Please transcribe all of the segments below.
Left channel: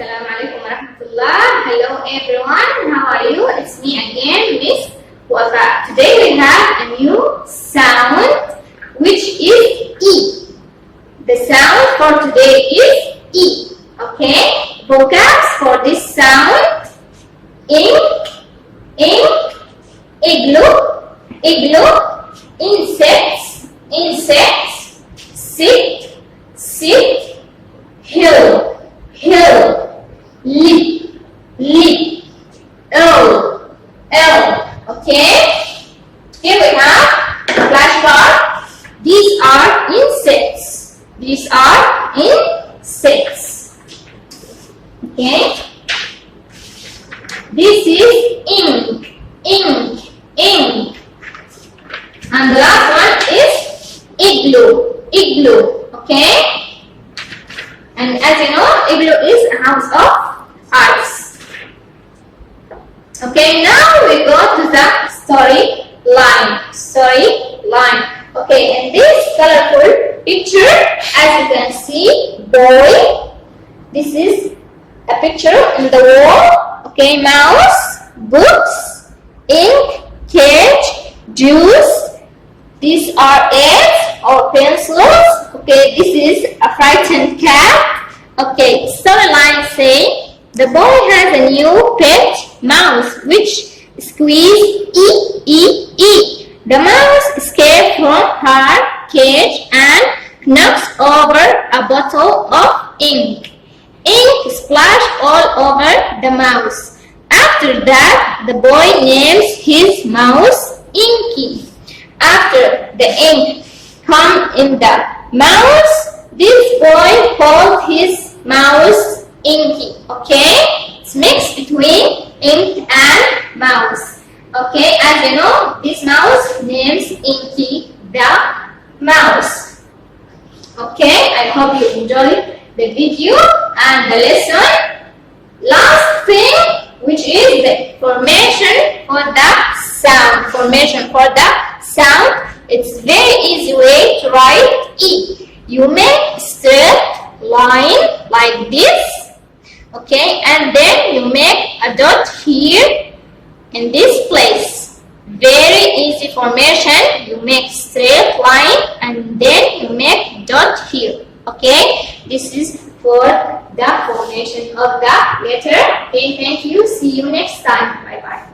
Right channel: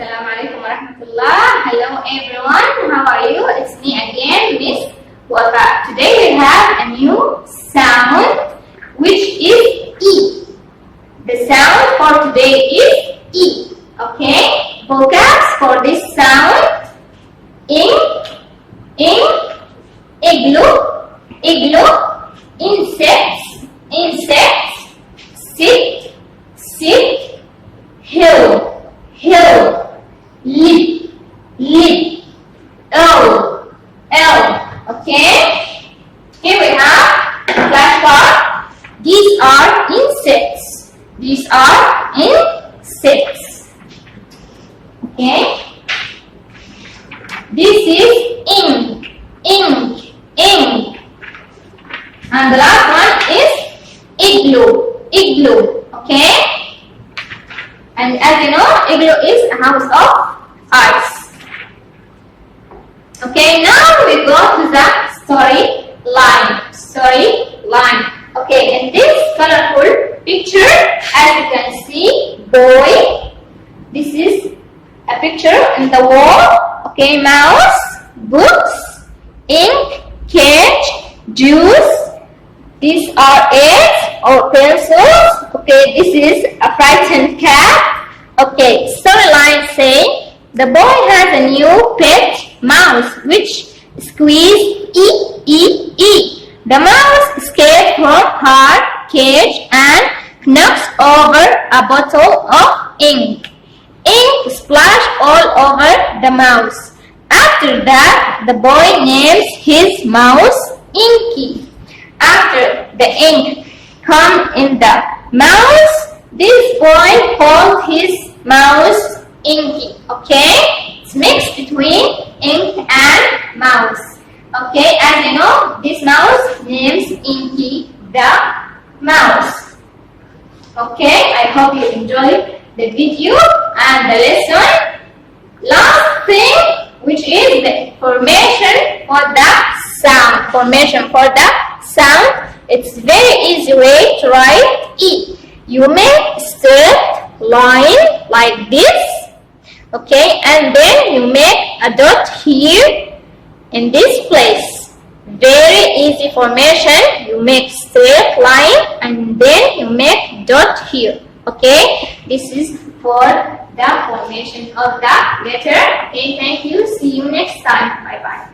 Assalamu alaikum warahmatullah. Hello everyone, how are you? It's me again, Miss Wafa. Today we have a new sound which is E. The sound for today is E. Okay? Vocabs for this sound: ink, igloo, insects, sit, hill, lid, L. Okay? Here we have flashcard. These are insects. Okay? This is ink. And the last one is igloo. Okay? And as you know, igloo is a house of ice. Okay, now we go to the story line. Okay, in this colorful picture, as you can see, boy. This is a picture in the wall. Okay, mouse, books, ink, cage, juice. These are eggs or pencils. Okay, this is a frightened cat. Okay, storyline say the boy has a new pet mouse which squeeze E. The mouse escaped from her cage and knocks over a bottle of ink. Ink splashed all over the mouse. After that, the boy names his mouse Inky. After the ink come in the mouse, this boy called his mouse Inky. Okay? It's mixed between ink and mouse. Okay, as you know, this mouse names Inky the mouse. Okay, I hope you enjoyed the video and the lesson. Last thing, which is the formation for the sound. It's very easy way to write E. You make straight line like this. Okay, and then you make a dot here in this place. Very easy formation. You make straight line and then you make dot here. Okay, this is for the formation of the letter. Okay, thank you. See you next time. Bye bye.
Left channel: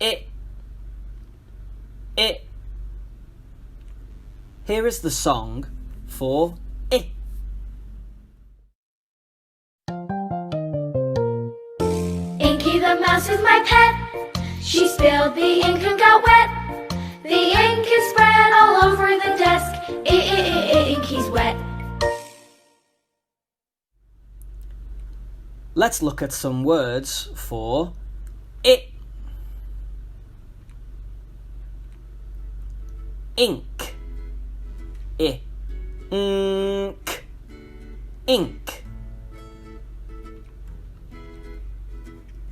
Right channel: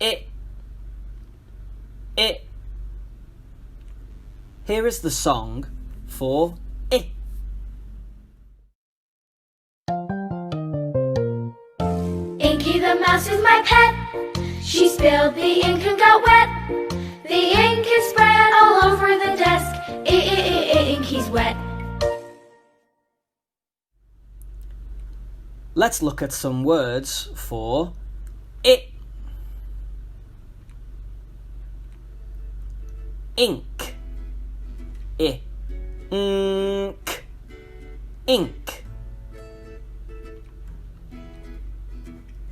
It. Here is the song for it. Inky the mouse is my pet. She spilled the ink and got wet. The ink is spread all over the desk. Inky's wet. Let's look at some words for it. Ink. Ink.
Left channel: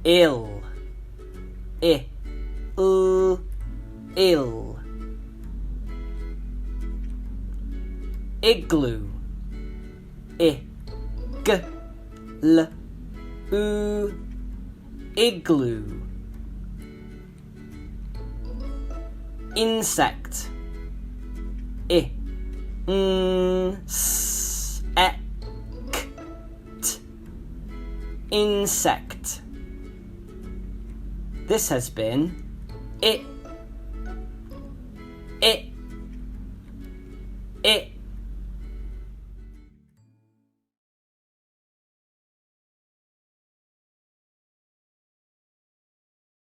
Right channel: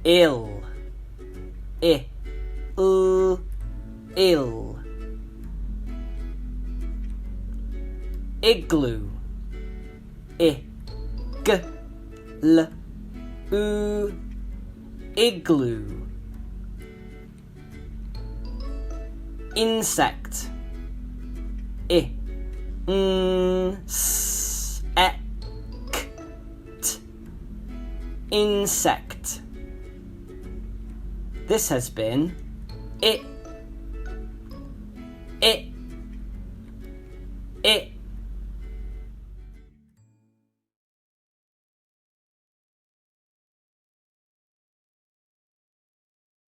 Ill. Ill. Igloo. Igloo. Insect. Insect. This has been it.